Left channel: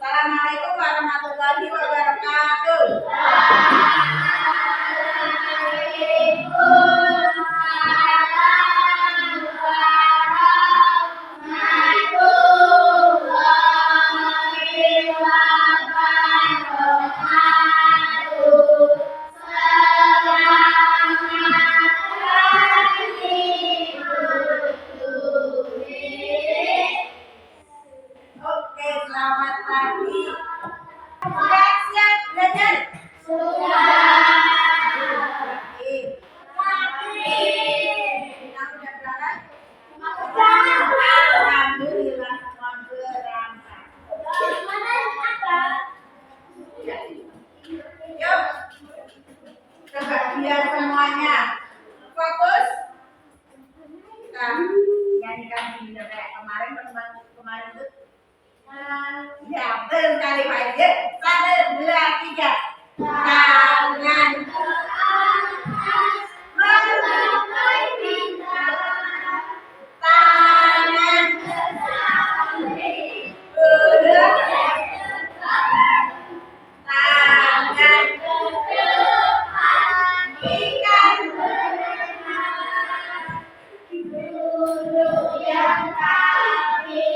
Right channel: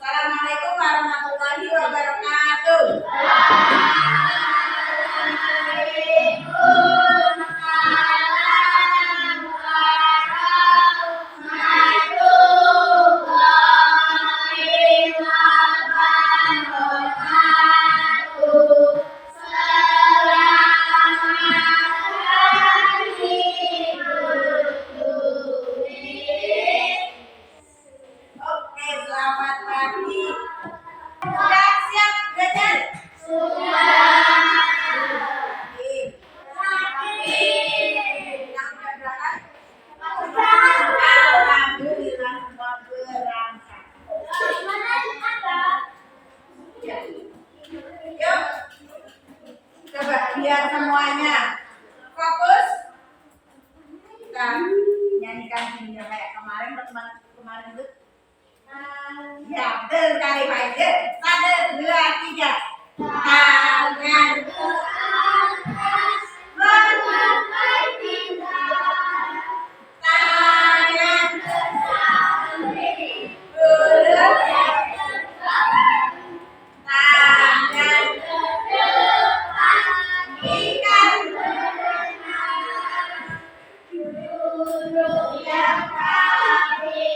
Assalamualaikum warahmatullahi wabarakatuh. Oke, selamat pagi. Sudah siap belajar? Oke. Yang udah berangkat? Alhamdulillah semua berangkat. Yuk, coba lihat semuanya. Fokus. Kita nyanyikan ini kayak kemarin teman kemarin itu. Ya, betul sekali Pak Ijek. 1, 2, 3. Tangan ke atas, menggapai bintang. Tangan ke samping, berat ke depan. Tangan ke depan, ikan berenang. Duduk yang rapi,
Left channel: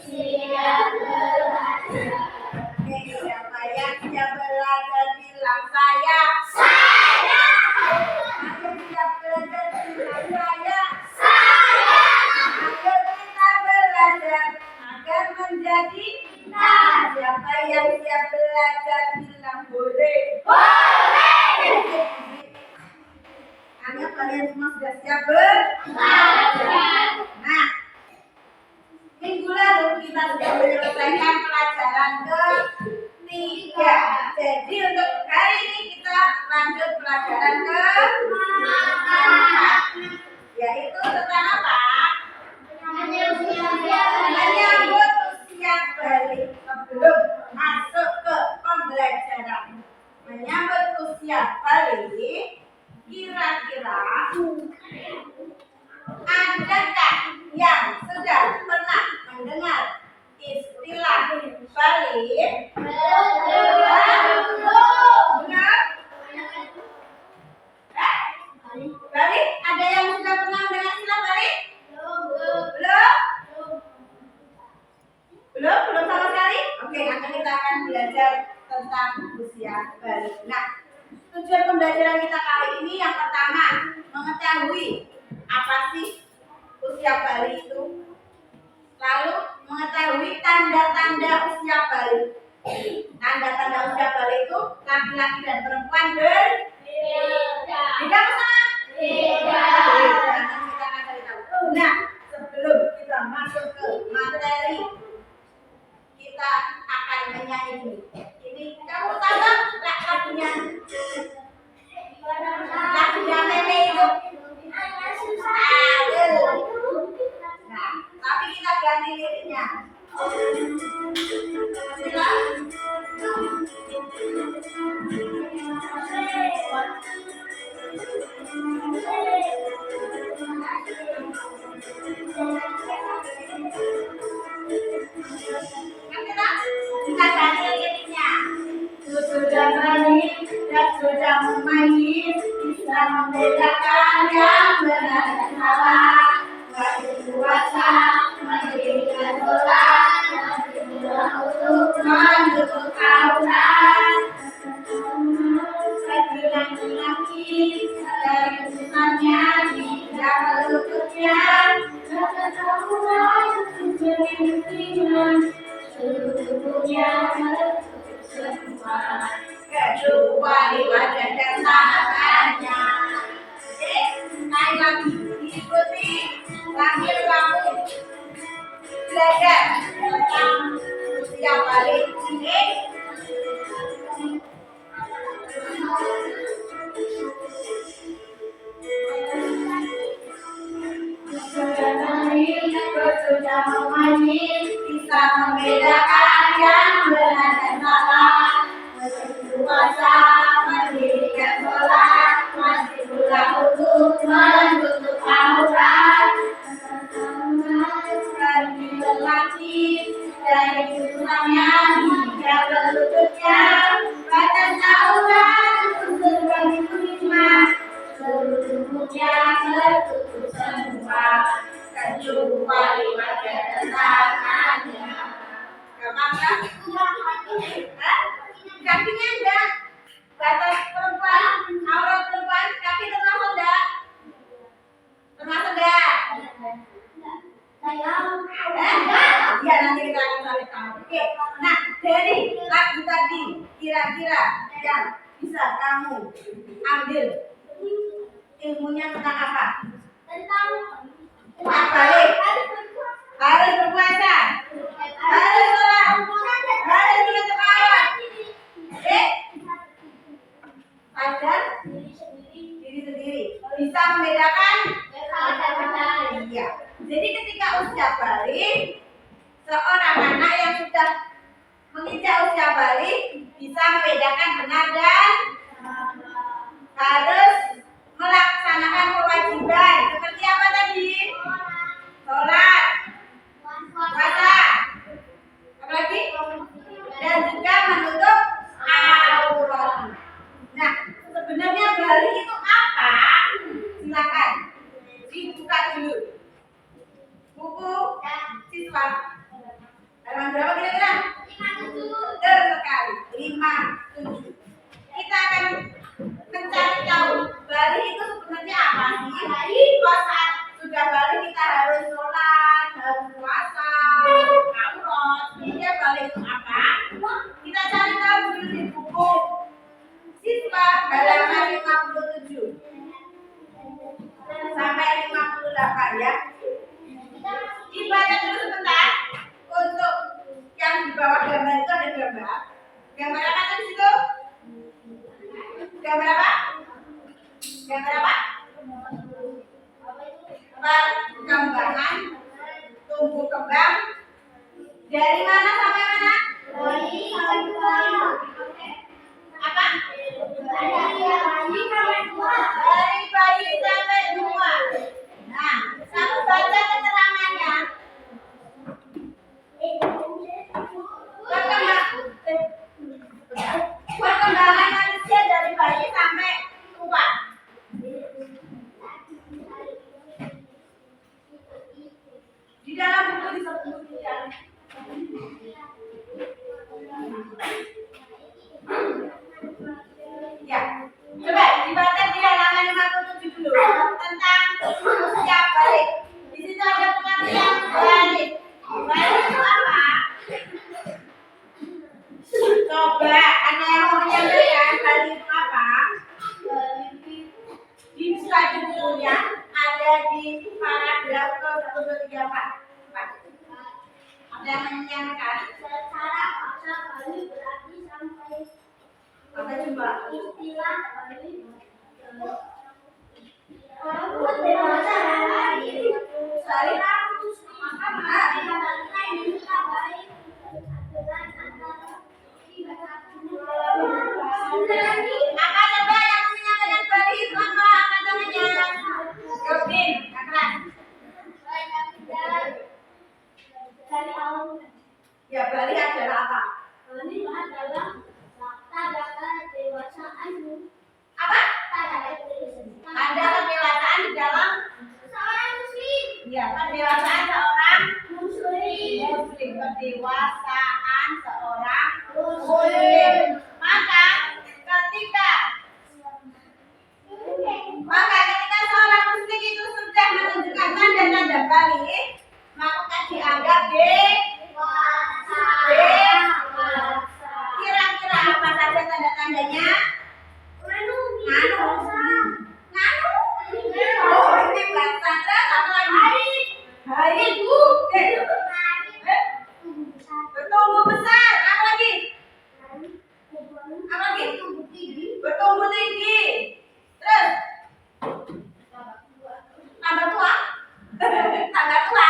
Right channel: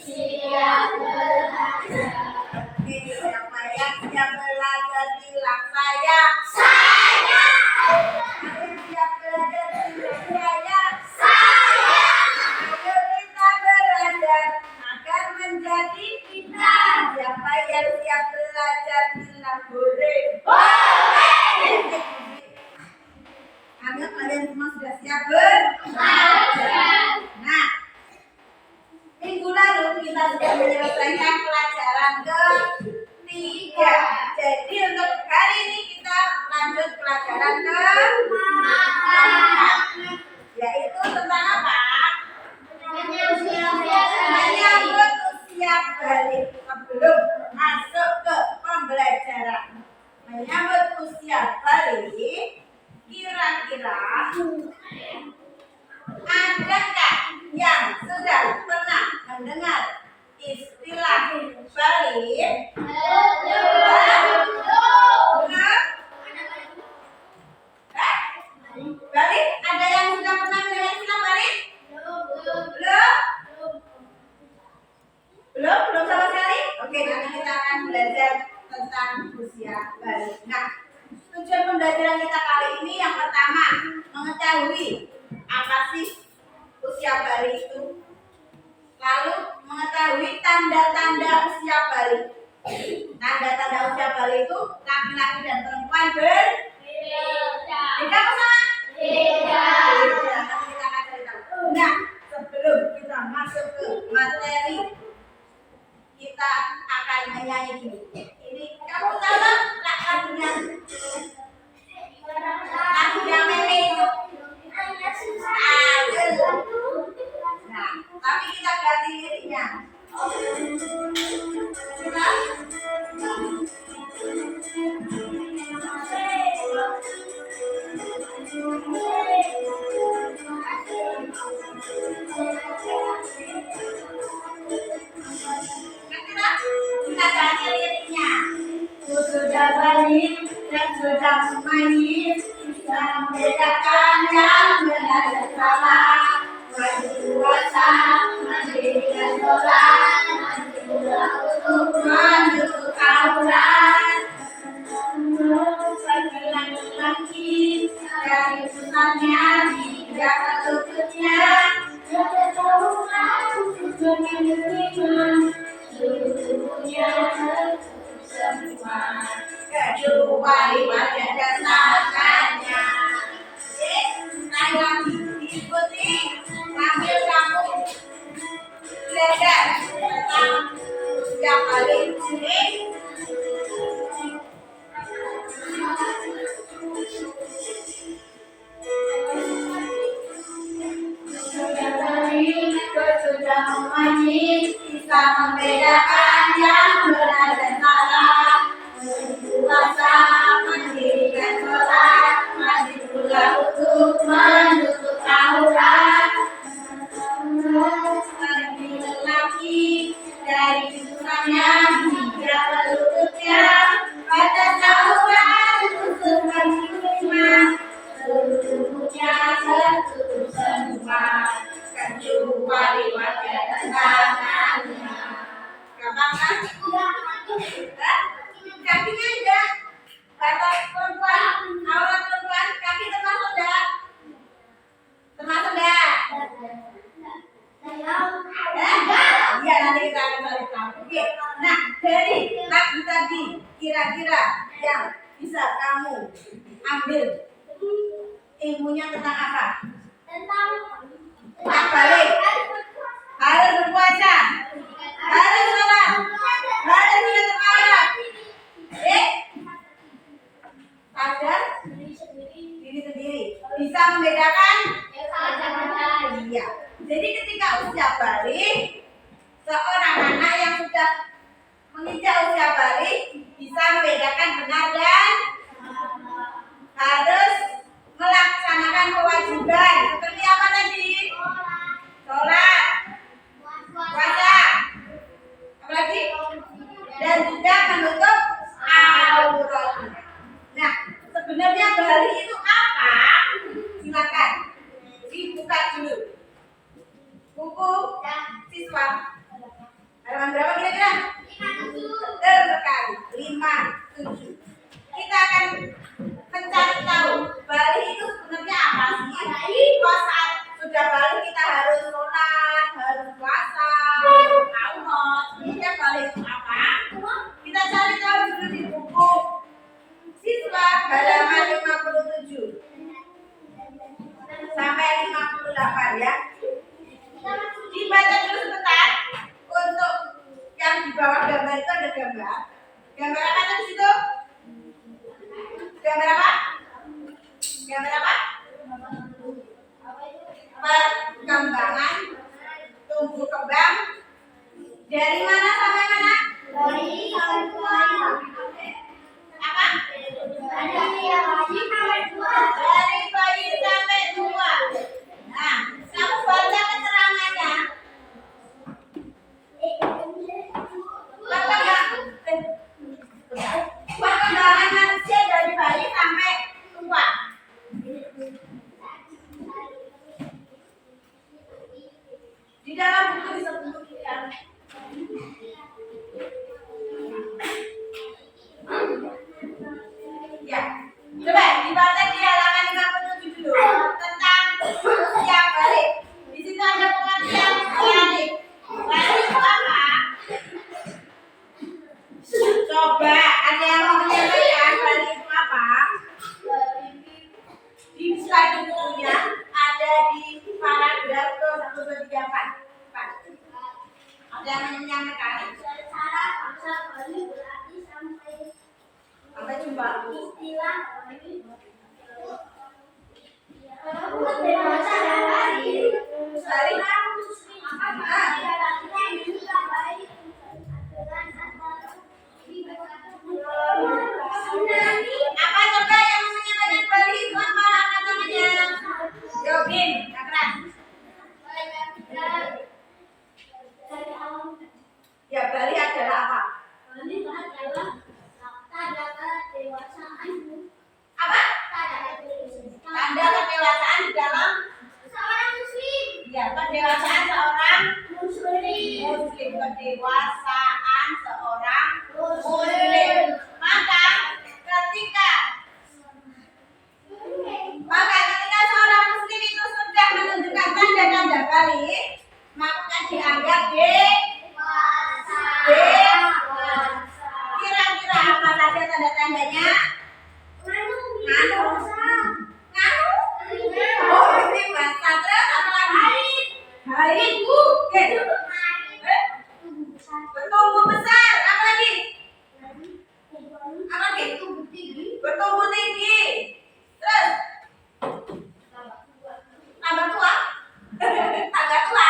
siap belajar. Oke, siapa yang siap belajar bilang saya. Saya. Ayo siap belajar bilang saya. Saya. Ayo kita belajar agar menjadi kita. Siapa yang siap belajar bilang boleh. Boleh. Ayo kalian semua sudah siap belajar. Nah, minggu lalu kita sudah menyelesaikan pelajaran ke-3. Jadi untuk hari ini kita lanjut pelajaran ke-4, yaitu tentang apa? Menyambut usia balik. Sebelum masuk ke pembelajaran menyambut usia balik, kira-kira adakah yang sudah pernah mendengar istilah balik? Balik? Ada yang sudah pernah mendengar istilah balik? Belum sama sekali? Oke, nanti kita akan belajar tentang usia balik. Nah, tujuan pembelajaran kita kali ini yang pertama, mengetahui apa sih usia balik itu. Lalu mengetahui tanda-tanda usia balik. Tanda-tanda usia balik itu laki-laki dan perempuan berbeda. Beda apa sama? Beda. Nanti kita akan cari tahu. Nah, sebelum kita masuk ke materi, kita akan menyanyi dulu. Ini kamu tahu kan lagunya? Lagunya Meme itu. Nah, tapi kita ganti liriknya. Kita ganti liriknya. Sudah balik dan sudah memain, bisa membedakan yang benar dan salah. Wajib puasa, mendirikan sholat, wajib pula untuk mendukung aurat. Bagi laki-laki dari urusannya dijaga lututnya, ketahuan tujuannya diterima, seluruh tubuhnya semua kecuali wajah dan tangannya. Sekali lagi diikuti sambil kamu belajar tentang usia balik ini. Sudah balik, sudah memancing, bisa membedakan yang benar dan salah. Puasa, mendirikan sholat, wajib pula untuk menutup aurat. Iya, nanti kita akan cari tahu. Oke. Nah, dari lagu tadi kira-kira yang bisa kamu ambil ilmunya tentang apa? Tentang balik. Harus berpuasa. Harus sholat. Harus ingat ayat. Sadar diri sendiri. Bisa membedakan. Iya. Jadi ketika usia balik, seorang anak yang sudah menginjak usia balik bisa membedakan benar dan harus melaksanakan kewajiban seperti apa tadi? Sholat, puasa, apalagi? Dan juga menutup aurat. Nah, sebenarnya balik itu apa? Silakan dibuka dulu buku siswa. Halaman berapa kira-kira? 57. Betul sekali, 57. Kita akan mencari tahu balik itu sebenarnya apa sih? Kok saat sudah balik kita harus sholat, harus puasa, aurat. Sebenarnya balik itu apa? Kita cari tahu dulu di buku siswa halaman 57 sampai 58 ya. Dibaca dulu sebentar. Untuk yang di bawah gambar itu ada gambar. Gambar apa tadi di situ? Gambar apa? Gambar apa? Perkembangan tumbuh kembang dari mana sampai mana? Apa? Dari bayi sampai tua. Nah, kamu baca keterangannya. Perkembangan manusia dari bayi sampai tua. Di dalam buku disebutkan. Ya, coba dibaca di halaman 57 dulu tentang usia balik. Di situ ada pengertian balik. Balik itu apa? Coba ada yang mau menyampaikan balik itu apa? Bisa di bukunya ada di paragraf ke 134. Ada yang menyampaikan? Secara paksa balik berarti sampai jumpa istilah balik buat dewasa dan balik balik apa coba yang mau menyampaikan balik itu apa? Angkat tangannya. Jawabin, keras. Ya, balik adalah apa? Balik adalah tanda kedewasaan. Apa? Tanda kedewasaan di dalam Seorang muslim. ya, kedewasaan seorang Muslim. Kedewasaan seorang muslim. Maka ketika seorang muslim itu sudah menunjukkan tanda-tanda balik, maka dianggap dewasa. Kira-kira apa saja tanda-tandanya? Nganu. Oh, dewasa. Terus apa lagi? Haid. Bertumbuh besar. Apa lagi? Bertumbuh tinggi. Terus tambah tua. Tambah tua.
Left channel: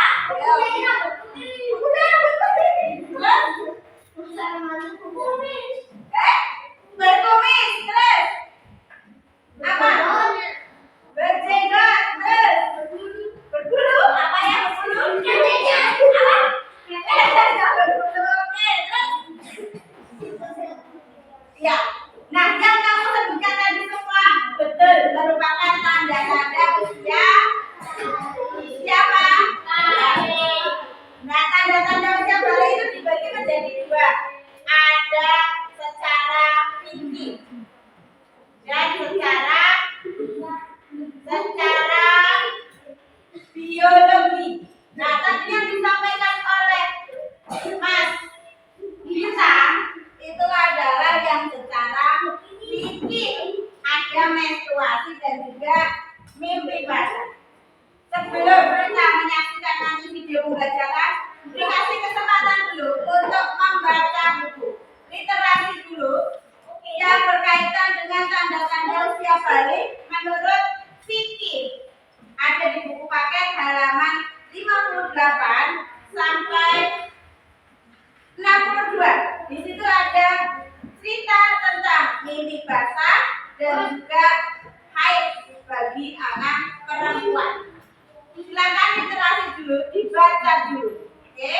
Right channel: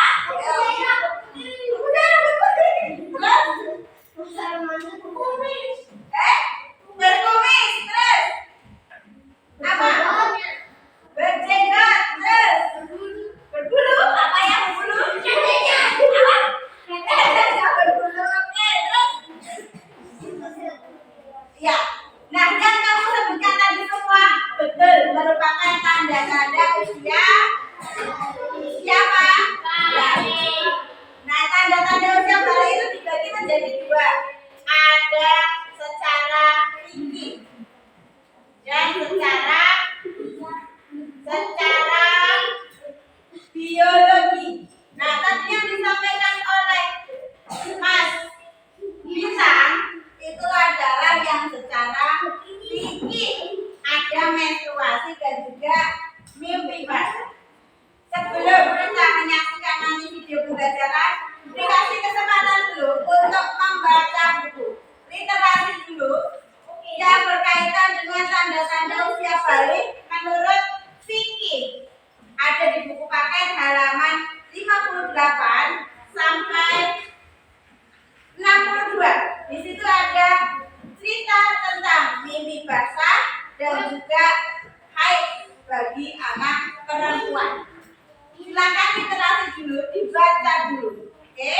Berkumis. Terus apa? Berjenggot. Terus berbulu. Apa ya berbulu? Apa? sampai 62. Di situ ada cerita tentang mimpi basah dan juga haid bagi anak perempuan. Silakan literasi dulu, dibaca dulu. Oke?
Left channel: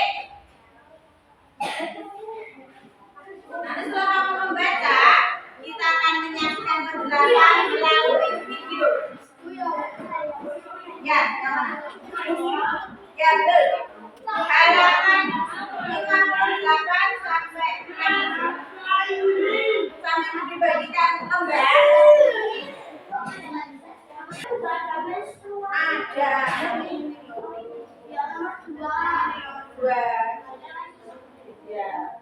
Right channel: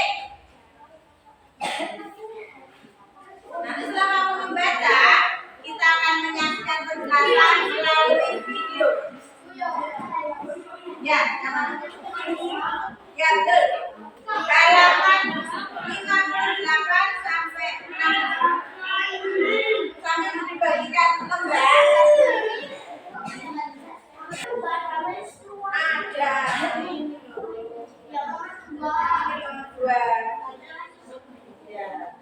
Nanti setelah kamu membaca, kita akan menyaksikan penjelasan melalui video. Ya, yang mana? Ya, betul. Halaman 58 sampai 60. Sambil dibagikan lembar. Ada. Ini nomor 2. Ya.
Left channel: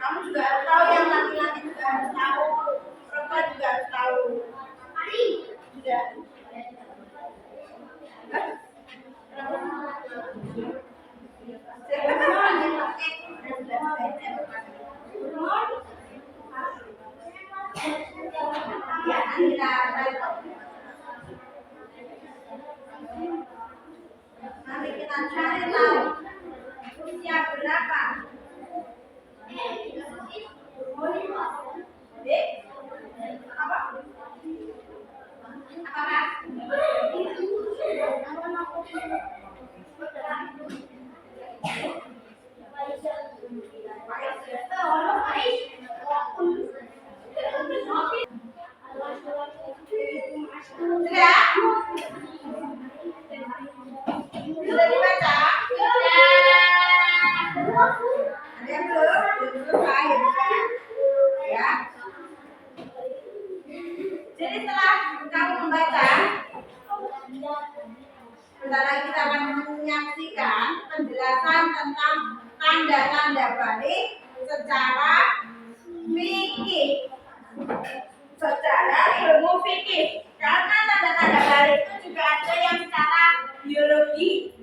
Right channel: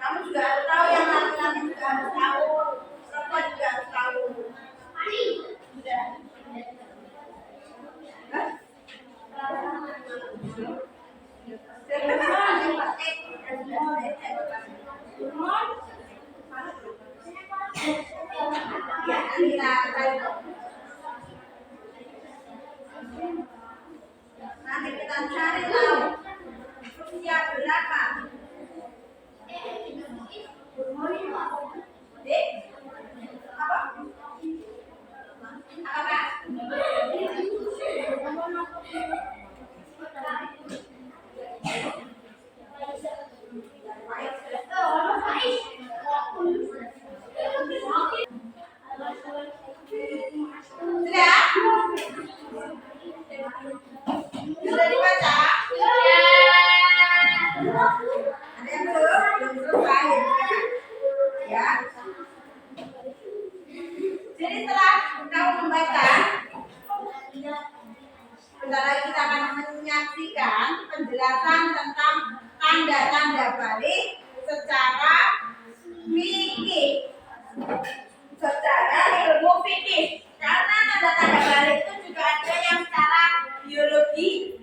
Kamu juga harus tahu, yang laki-laki juga harus tahu, perempuan juga harus tahu. Sudah. Ya, kita cari tahu. Nanti kita cari tahu usia berapa. Dek, apa? Apakah? Sudah? Sudah dibaca? Ada yang belum? Belum selesai ya? Jadi setelah kamu membaca, bentar lagi kita akan menyaksikan penjelasan tentang tanda-tanda balik secara fikih, secara ilmu fikih. Karena tanda-tanda balik itu juga ada yang secara biologi.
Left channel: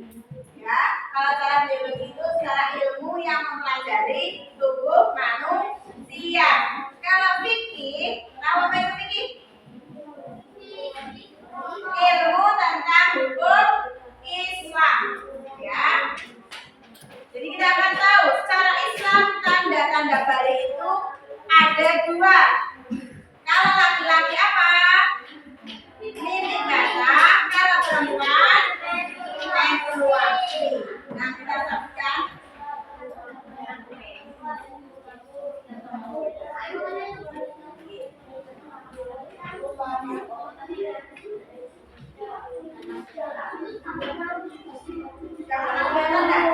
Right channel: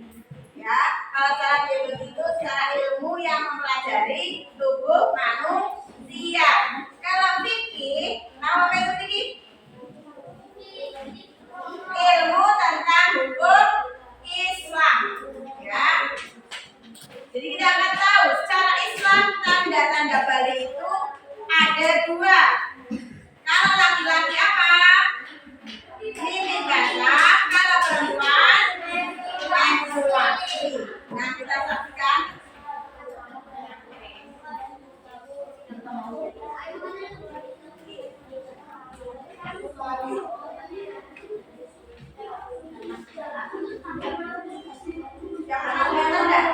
Ya, kalau secara biologi itu secara ilmu yang mempelajari tubuh manusia. Kalau fikih, apa itu fikih? Ilmu tentang hukum Islam, ya. Jadi kita akan tahu secara Islam tanda-tanda balik itu ada 2. Kalau laki-laki apa? Mimpi basah. Kalau perempuan menstruasi. Nah, kita saksikan. Yang mana kelihatan enggak?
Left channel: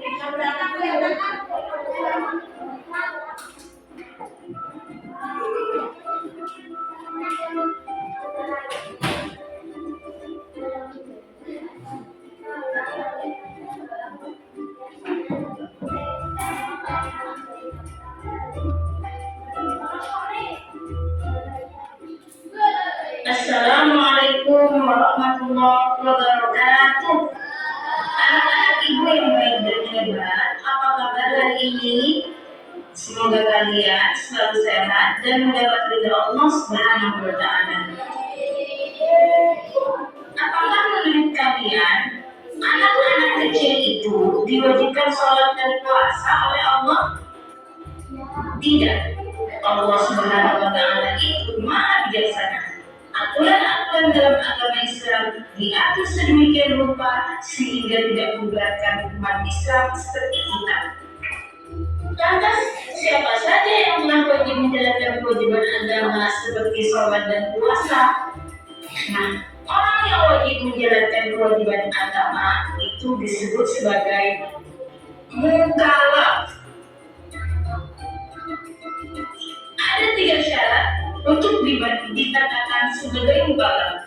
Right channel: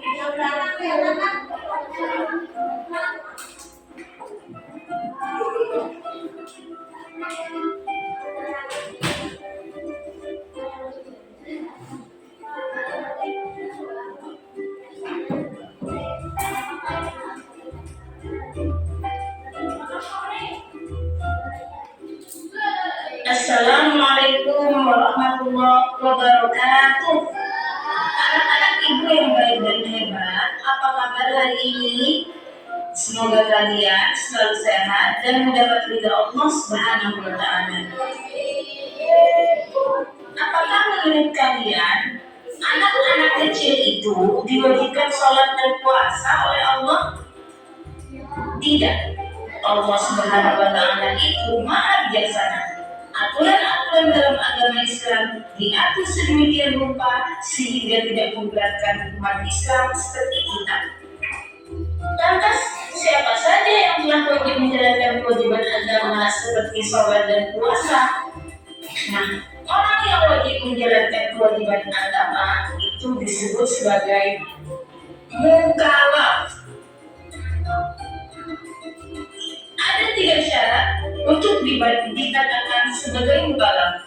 Yang mana kelihatan kan? Assalamualaikum warahmatullahi wabarakatuh. Anak-anak ibu yang baik dan hebat, apa kabar hari ini? Semoga kalian selalu sehat dan mendapat ridha Allah Subhanahu wa Ta'ala. Apakah menurut kalian anak-anak kecil itu diwajibkan sholat dan puasa oleh Allah? Tidak. Allah Subhanahu wa Ta'ala itu Maha Bijaksana. Aturan-aturan dalam agama Islam diatur sedemikian rupa sehingga tidak memberatkan umat Islam seperti kita. Lantas, siapa saja yang telah wajib menjalankan kewajiban agama seperti sholat dan puasa? Nah, orang yang wajib menjalankan kewajiban agama itu disebut sebagai mukallaf. Ada 3 syarat untuk dikatakan sebagai mukallaf.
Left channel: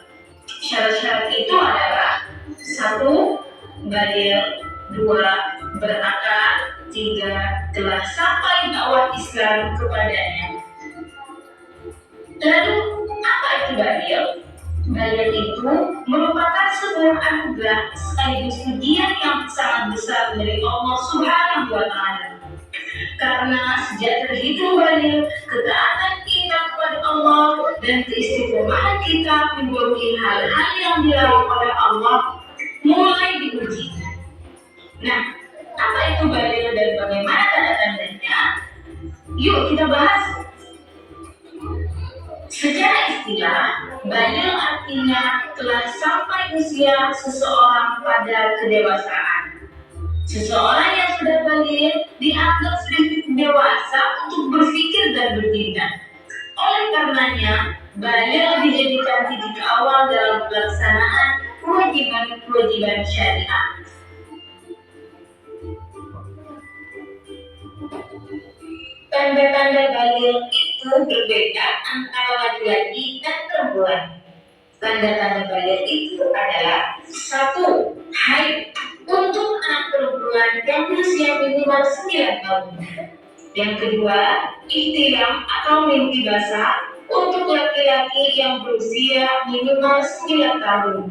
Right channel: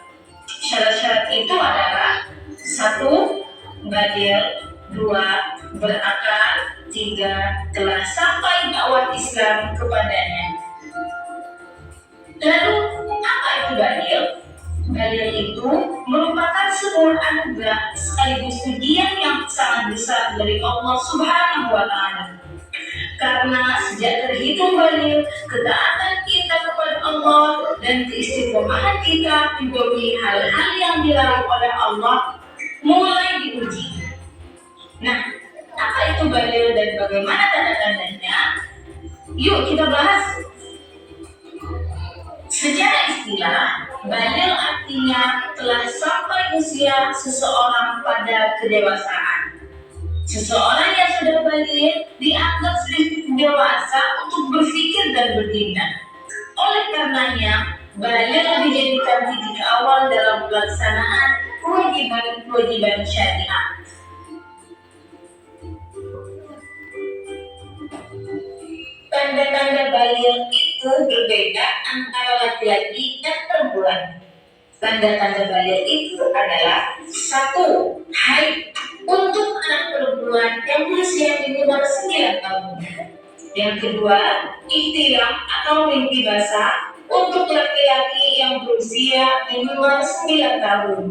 Syarat-syarat itu adalah 1. Baligh, 2. Berakal, 3. Telah sampai dakwah Islam kepadanya. Lalu, apa itu baligh? Baligh itu merupakan sebuah anugerah sekaligus ujian yang sangat besar dari Allah Subhanahu wa Ta'ala. Karena sejak terhitung baligh, ketaatan kita kepada kepada Allah dan keistiqomahan kita menjauhi hal-hal yang dilarang oleh Allah mulai diuji. Nah, apa itu balil dan bagaimana tanda-tandanya? Yuk kita bahas. Secara istilah, balil artinya telah sampai usia seseorang pada kedewasaan. Seseorang yang sudah balil dianggap sudah dewasa untuk berpikir dan bertindak. Oleh karenanya, balil dijadikan titik awal dalam pelaksanaan kewajiban-kewajiban syariah. Tanda-tanda balil itu berbeda antara laki-laki dan perempuan. Tanda-tanda balil itu adalah 1. Haid untuk anak perempuan yang berusia minimal 9 tahun. Yang kedua, ihtilam atau mimpi basah untuk laki-laki yang berusia minimal 9 tahun.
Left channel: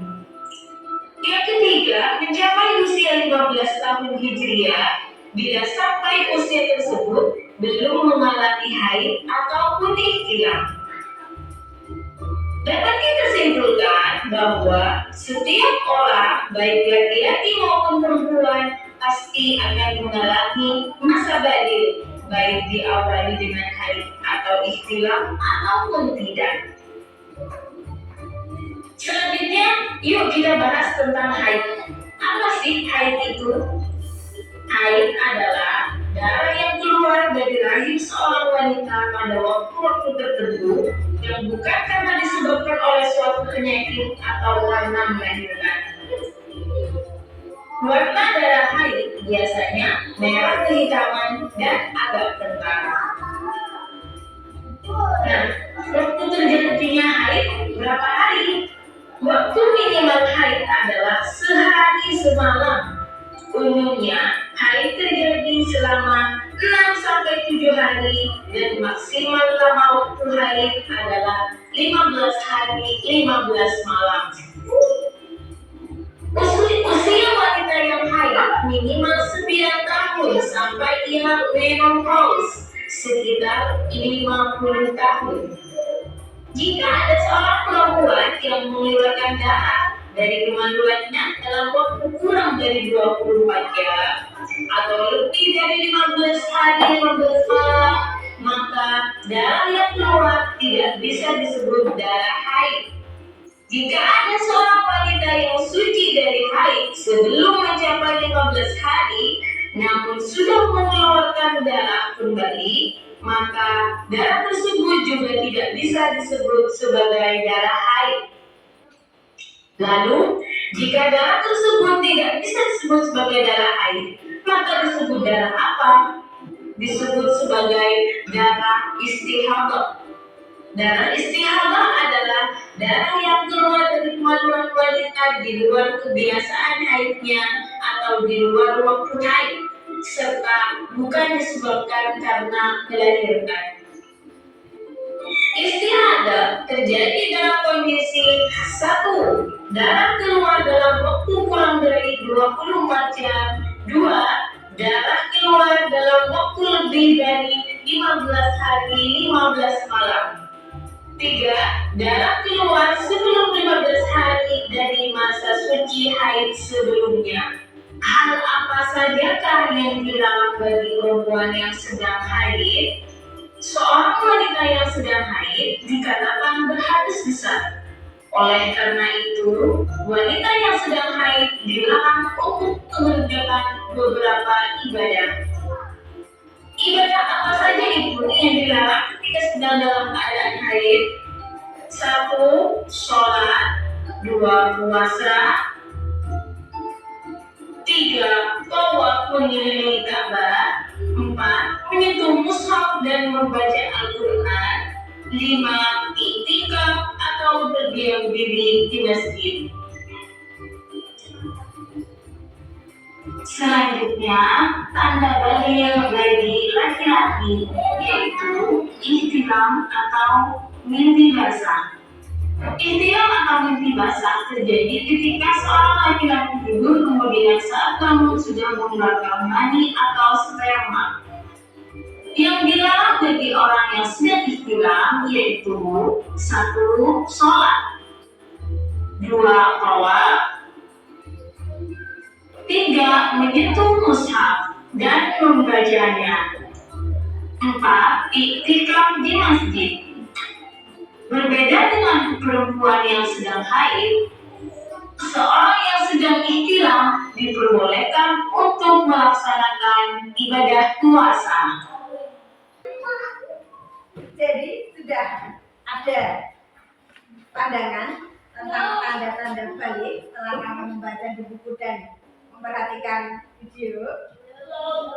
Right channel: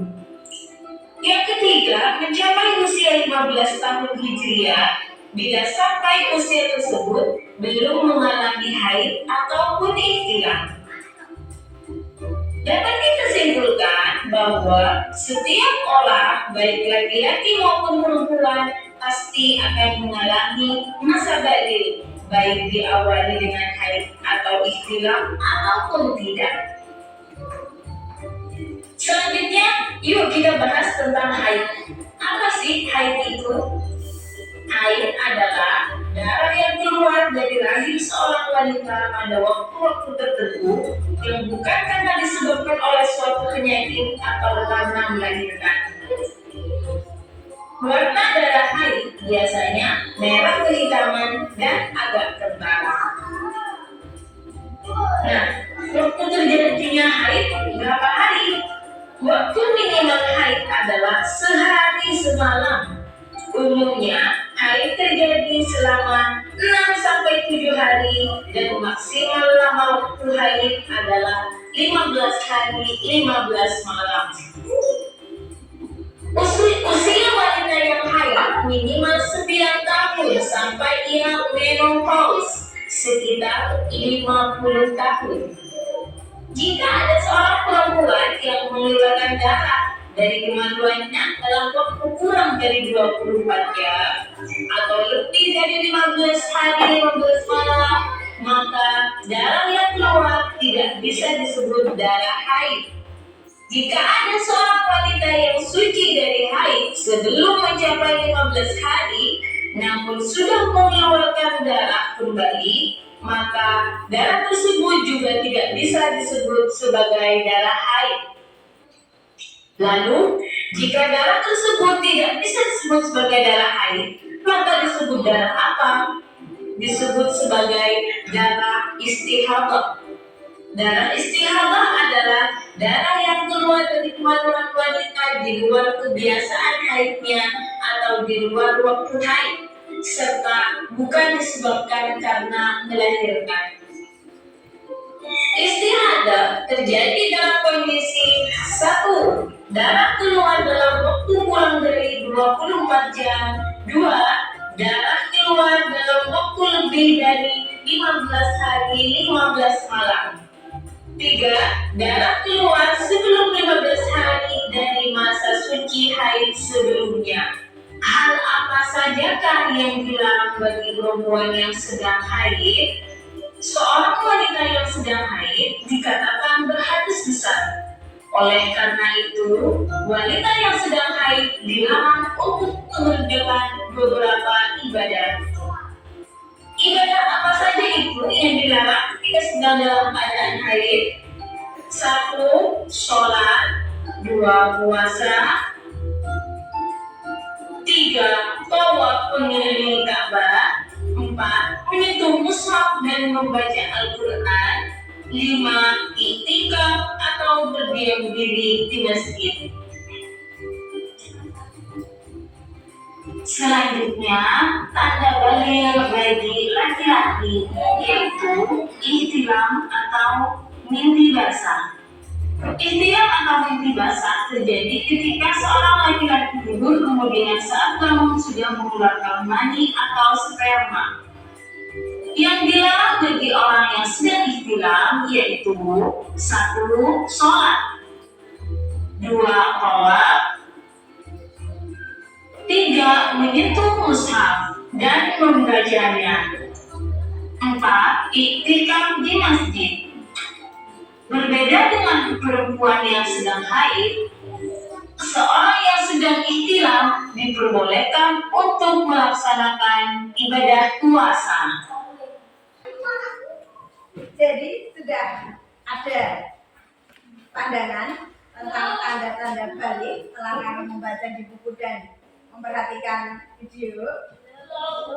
Yang ketiga, mencapai usia 15 tahun Hijriah bila sampai usia tersebut belum mengalami haid ataupun ihtilam. Dapat kita simpulkan bahwa setiap orang, baik laki-laki maupun perempuan, pasti akan mengalami masa balil, baik diawali dengan haid atau ihtilam ataupun tidak. Selanjutnya, yuk kita bahas tentang haid. Apa sih haid itu? Haid adalah darah yang keluar dari rahim seorang wanita pada waktu-waktu tertentu yang bukan karena disebabkan oleh suatu penyakit atau karena melahirkan. Warna darah haid biasanya merah kehitaman dan agak kental. Nah, waktu terjadinya haid berapa hari? Waktu minimal haid adalah sehari semalam. Umumnya, haid terjadi selama 6-7 hari dan maksimal lama waktu haid adalah 15 hari 15 malam. Usia wanita yang haid minimal 9 tahun sampai ia menopause sekitar 50 tahun. Jika ada seorang perempuan yang mengeluarkan darah dari kemaluannya dalam waktu kurang dari 24 jam atau lebih dari 15 hari 15 malam, maka darah yang keluar tidak bisa disebut darah haid. Jika ada seorang wanita yang suci dari haid sebelum mencapai 15 hari namun sudah mengeluarkan darah kembali, maka darah tersebut juga tidak bisa disebut sebagai darah haid. Lalu, jika darah tersebut tidak bisa disebut sebagai darah haid, maka disebut darah apa? Disebut sebagai darah istihadah. Darah istihadah adalah darah yang keluar dari kemaluan wanita di luar kebiasaan haidnya atau di luar waktu haid, serta bukan disebabkan karena melahirkan. Istihadah terjadi dalam kondisi 1. Darah keluar dalam waktu kurang dari 24 jam. 2. Darah keluar dalam waktu lebih dari 15 hari 15 malam. 3. Darah keluar sebelum 15 hari dari masa suci haid sebelumnya. Hal apa sajakah yang dilarang bagi perempuan yang sedang haid? Seorang wanita yang sedang haid dikatakan berhadas besar. Oleh karena itu, wanita yang sedang haid dilarang untuk mengerjakan beberapa ibadah. Ibadah apa saja itu yang dilarang ketika sedang dalam keadaan haid? 1. Sholat. 2. Puasa. 3. Tawaf mengelilingi Ka'bah. 4. Menyentuh mushaf dan membaca Al-Quran. 5. Iktikaf atau berdiam diri di masjid. Selanjutnya, tanda balil bagi laki-laki yaitu ihtilam atau mimpi basah. Ihtilam atau mimpi basah terjadi ketika seorang laki-laki tidur kemudian saat bangun sudah mengeluarkan mani atau sperma. Yang dilarang bagi orang yang sedang ihtilam yaitu 1. Sholat, 2. tawaf, 3. menyentuh mushaf dan membacanya, 4. iktikaf di masjid. Berbeda dengan perempuan yang sedang haid, seorang yang sedang ihtilam diperbolehkan untuk melaksanakan ibadah puasa. Jadi sudah ada pandangan tentang tanda-tanda balik setelah kamu membaca di buku dan memperhatikan video.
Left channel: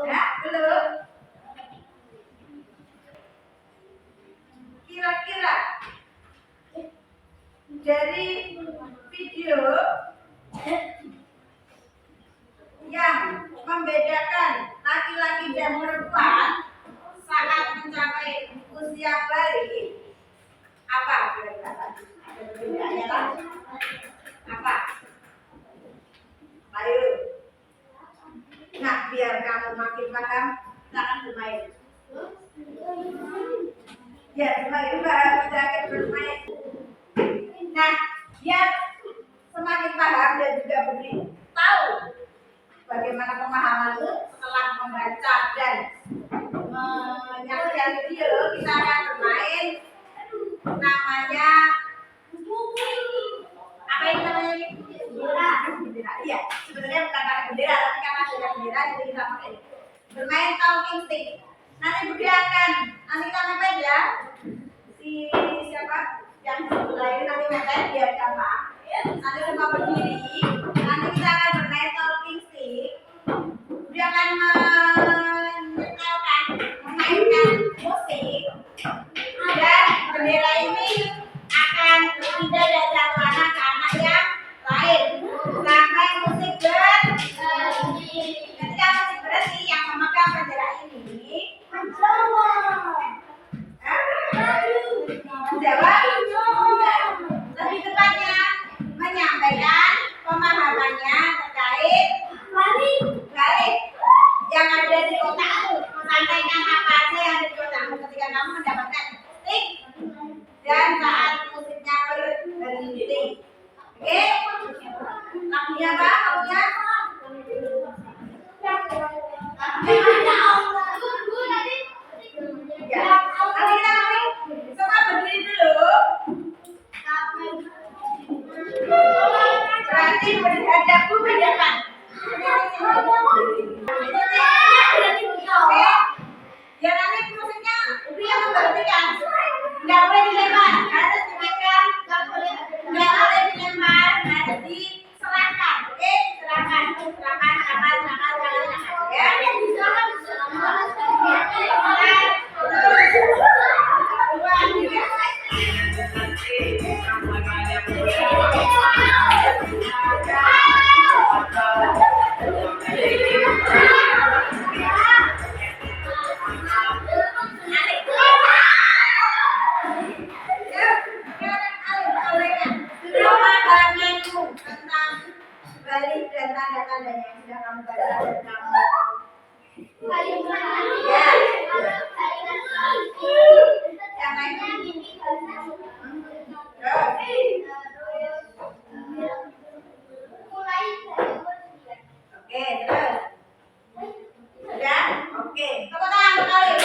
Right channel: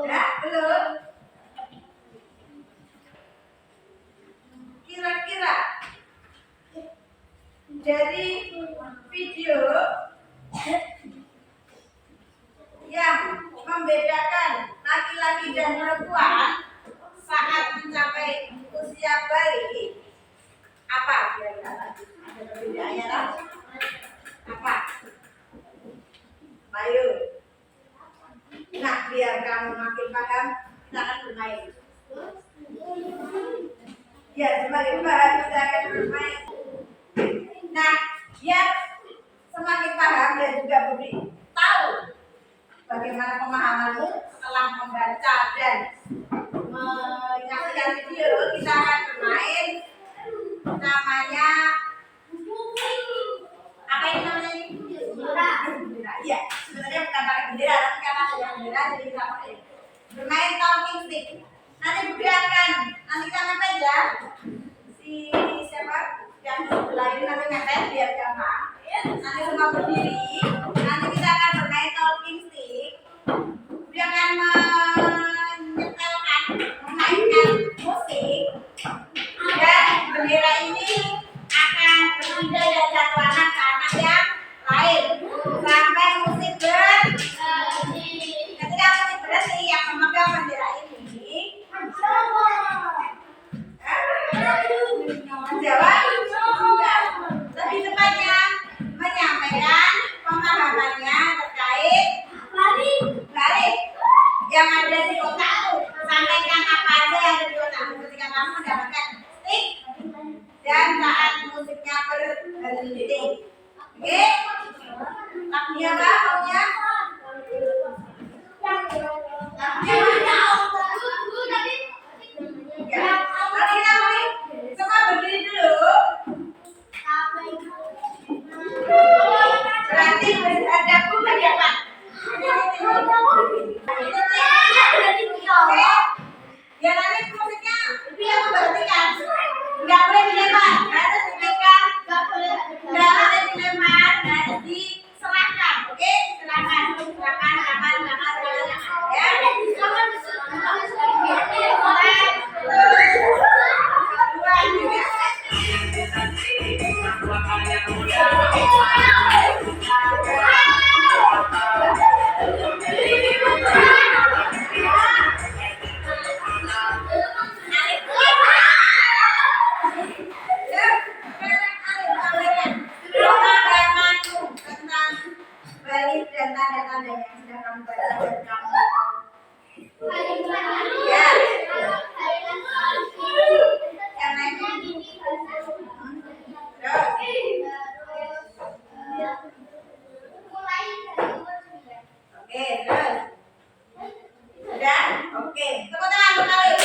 Ya, belum? Kira-kira dari video yang membedakan laki-laki dan perempuan saat mencapai usia balik, apa kira-kira? Ada perbedaannya lah? Apa? Ayo. Nah, biar kamu makin paham, silakan bermain. Ya, semakin paham kita akan bermain. Nah, biar semakin paham dan juga tahu bagaimana pemahamanmu setelah membaca dan menyaksikan video, kita akan bermain namanya apa ini namanya ini? Bendera. Iya, sebenarnya bukan pakai bendera, tapi karena ada bendera jadi kita pakai bermain talking stick. Nanti nanti kita mepet ya. Si siapa yang sebelah ini nanti mepet biar gampang. Nanti semua berdiri. Nanti kita akan bermain talking stick. Dia akan memainkan musik dan bendera ini akan berpindah dari satu anak ke anak yang lain sampai musik berhenti. Ketika musik berhenti, yang memegang bendera ini menjawab lebih tepatnya menyampaikan pemahamannya terkait balik yang ada di otakmu. Sampaikan apa aja yang ada di otakmu ketika kamu mendapatkan stick dan saat musiknya berhenti. Oke? Lagunya apa? Lagunya? Ya. Nanti kita mulai. Semua berdiri dulu. Berarti berhadap ke depan. Oke? Ya nanti musiknya yang memberhentikan. Nggak boleh dilempar, harus dipegang. Nggak boleh dilempar, harus diserahkan. Oke? Serahkan. Ya? Balik dan tanda-tandanya yang sudah kamu baca dan kamu ya. Yang lainnya oke, terus sudah, oke, tepuk tangan sekali.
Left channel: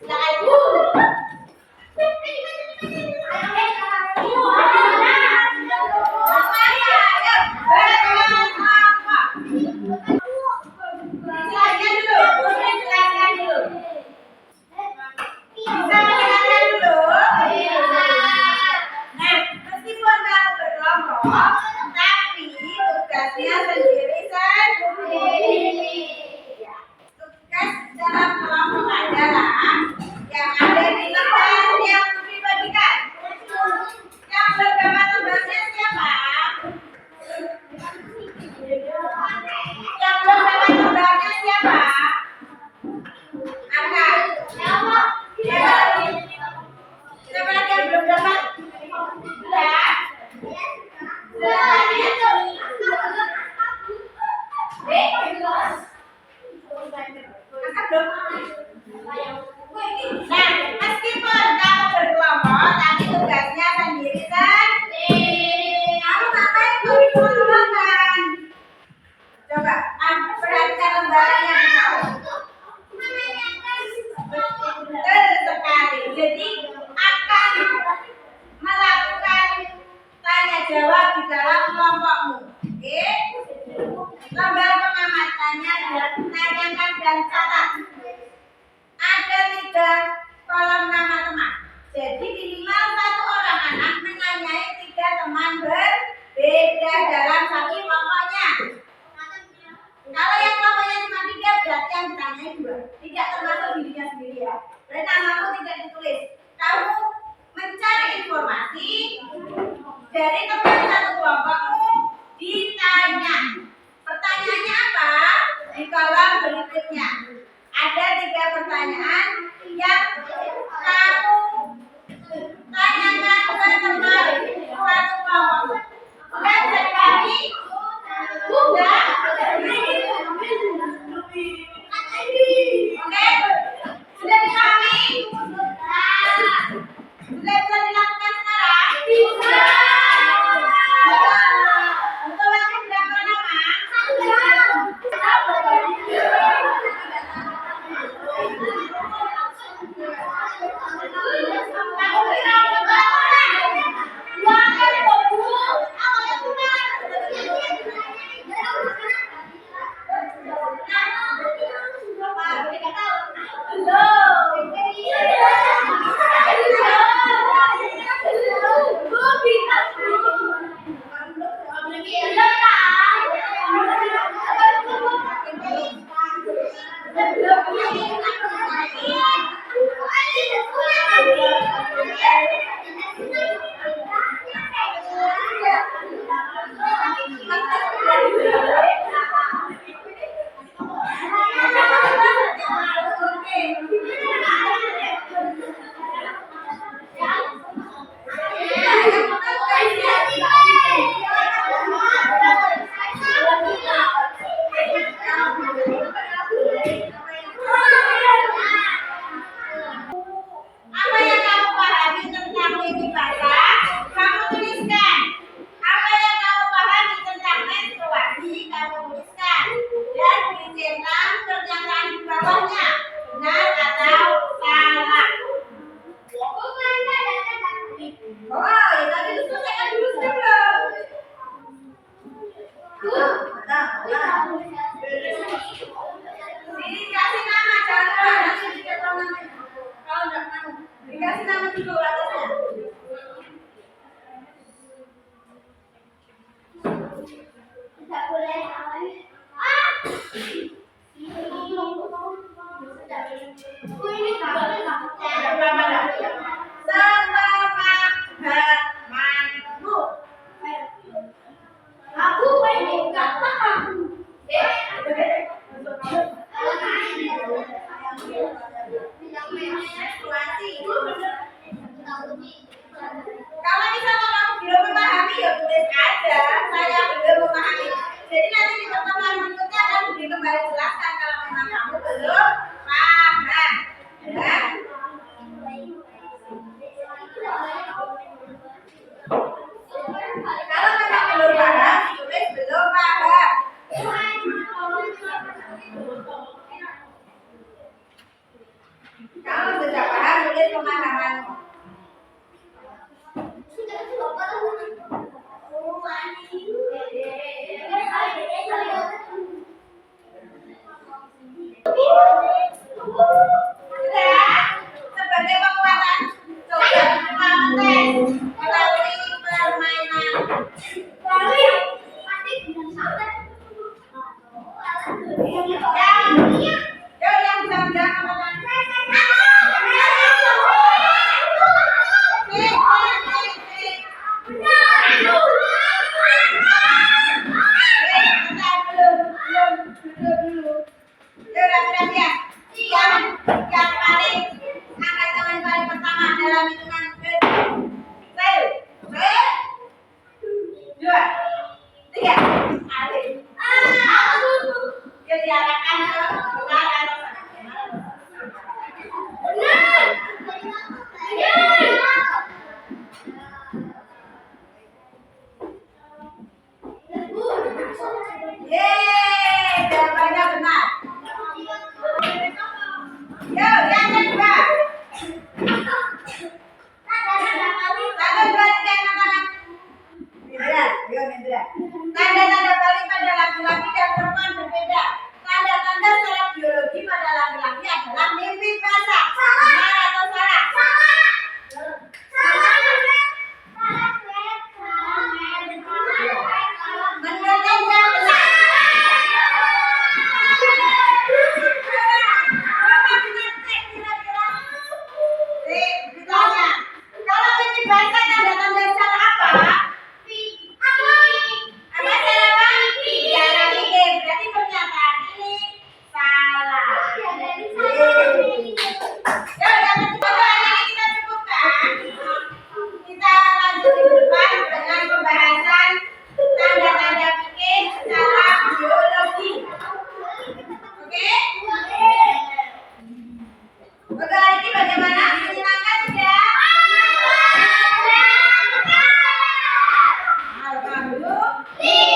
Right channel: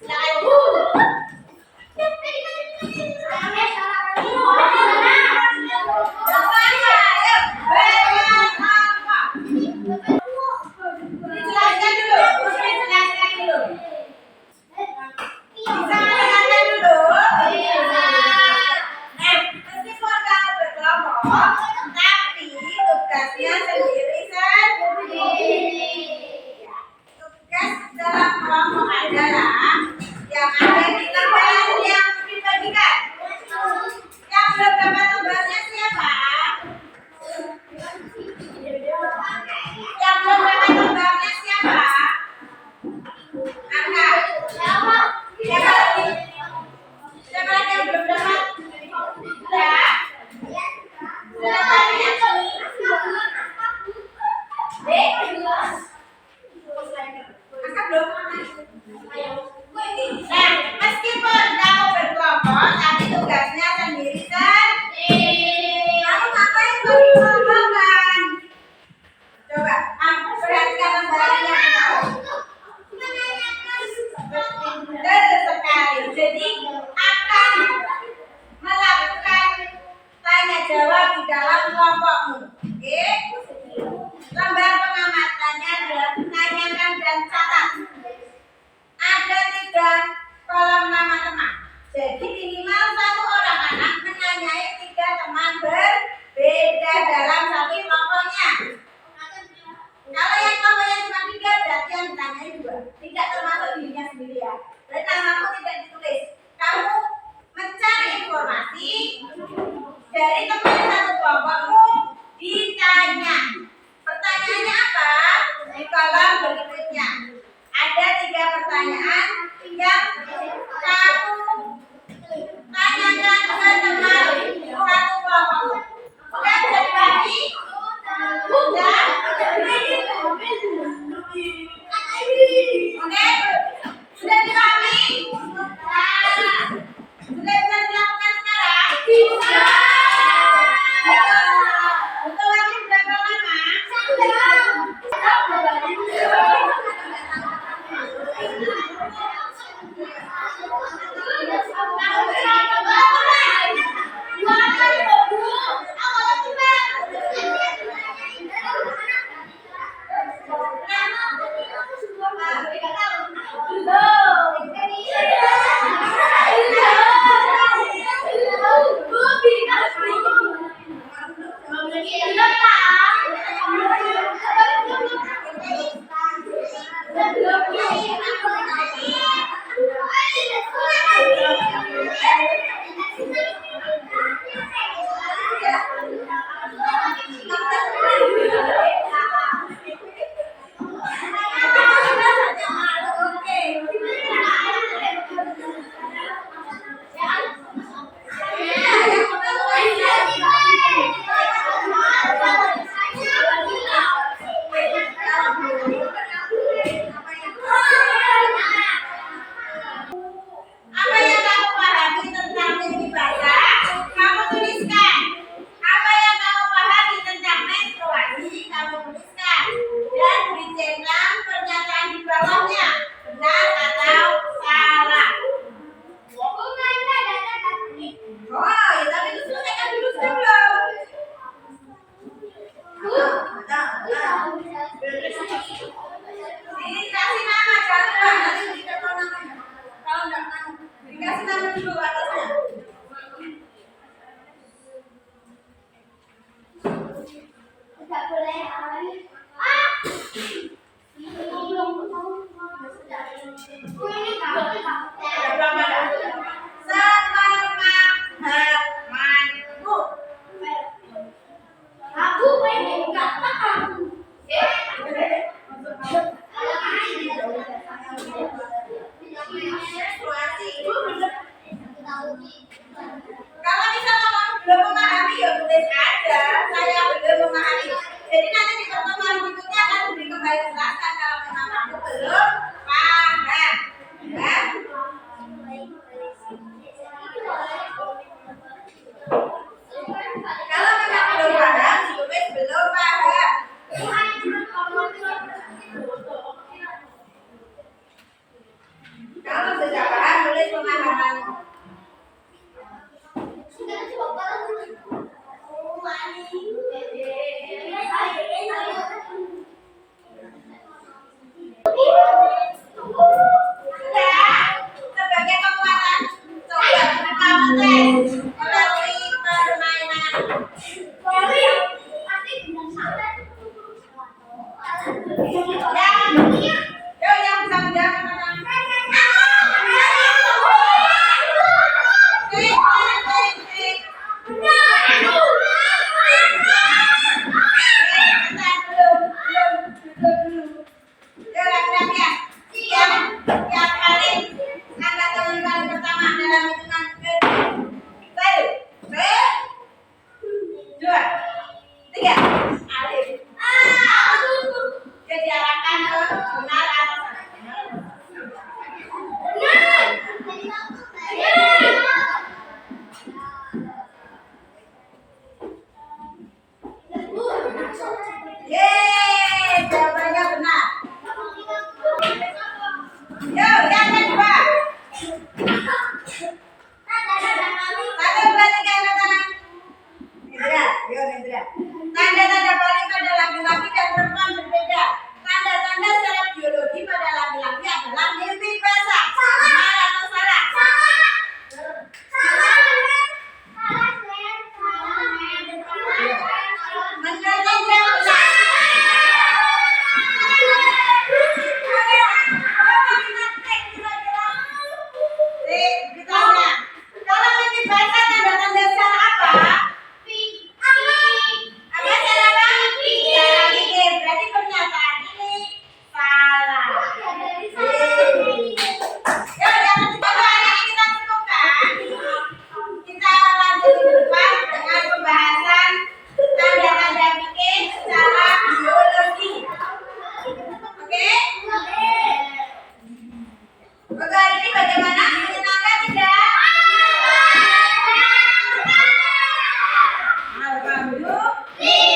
Silakan. Apa ya? Ayo. Berapa? Dijelaskan dulu. Dijelaskan dulu. Bisa mendengarkan dulu? Nah, meskipun kamu berkelompok, tapi tugasnya sendiri. Ya, tugas dalam kelompok adalah yang ada di lembar yang dibagikan. Yang belum dapat lembarnya siapa? Yang belum dapat lembarnya siapa? Angkat. Siapa lagi? Siapa lagi yang belum dapat? Sudah? Sudah tanya? Angkat belum? Nah, meskipun kamu berkelompok, tapi tugasnya sendiri. Kamu ngapain kau dikelompokkan? Coba, perhatikan lembarannya kamu. Betul sekali. Jadi akan melakukan tanya jawab di dalam kelompokmu. Oke? Lembar pengamatannya adalah tanyakan dan catat. Ada 3 kolom nama teman. Jadi minimal 1 orang anak menanyai 3 teman berbeda dalam satu kelompoknya. Kalau yang kelompoknya cuma 3, berarti yang ditanyai 2. Tidak termasuk dirinya sendiri ya. Berarti namamu tidak ditulis. Kamu mencari informasi dari teman satu kelompokmu, ditanya. Pertanyaannya apa? Di kolom berikutnya. Ada 3 pertanyaan yang kamu tanyakan ke teman satu kelompokmu. Sudah bisa dipahami? Sudah? Oke? Sudah dipahami? Sudah bisa dilakukan sekarang? Bisa. Untuk waktu berapa lama? Apa yang kamu pahami tentang mimpi basah? Kamu tuliskan. Apa yang kamu pahami tentang menstruasi? Kamu tuliskan. Dan beri centang pernyataan di bawahnya. Benar atau salah? Oh, ya tapi itu selesaikan dulu sebelum. Ini kasih nama jangan nanti dikasih nama. Kalau enggak nama, dikasih nama dulu atasnya. Tidak boleh. Ada berapa dah? Sepemahamanmu. Aku pengen kata kamu. Menstruasi. Kalau misalnya kamu belum memahami ya tulis aja. Saya belum memahami. Jadi nanti di pertemuan Yang bisa menjawab pertanyaan. Yang paling angkat tangan paling pertama dalam hitungan satu, dua, tiga. Alif. Dia diarahkan ke benar atau salah. Yeay, jawabannya benar. Yo, yang kedua. Satu, dua, tiga, angkat tangan. Nindra, yo Nindra. Tanda-tanda paling pada laki-laki dan perempuan berbeda. Tanda-tanda secara biologi pada laki-laki adalah mimpi basah. Benar atau salah? Menurut Nindra benar. Ditanya, kalau mimpi basah tanda-tanda secara apa? Apa salah apa? Salah mikir. Berarti pernyataan ini salah. Ya, yang ketiga hari ini kita cukupkan. Kita lanjut di depan dengan pembahasan tanda-tanda fikih secara biologi. Oke? Untuk hari ini bagaimana? Menyenangkan tidak? Alhamdulillah.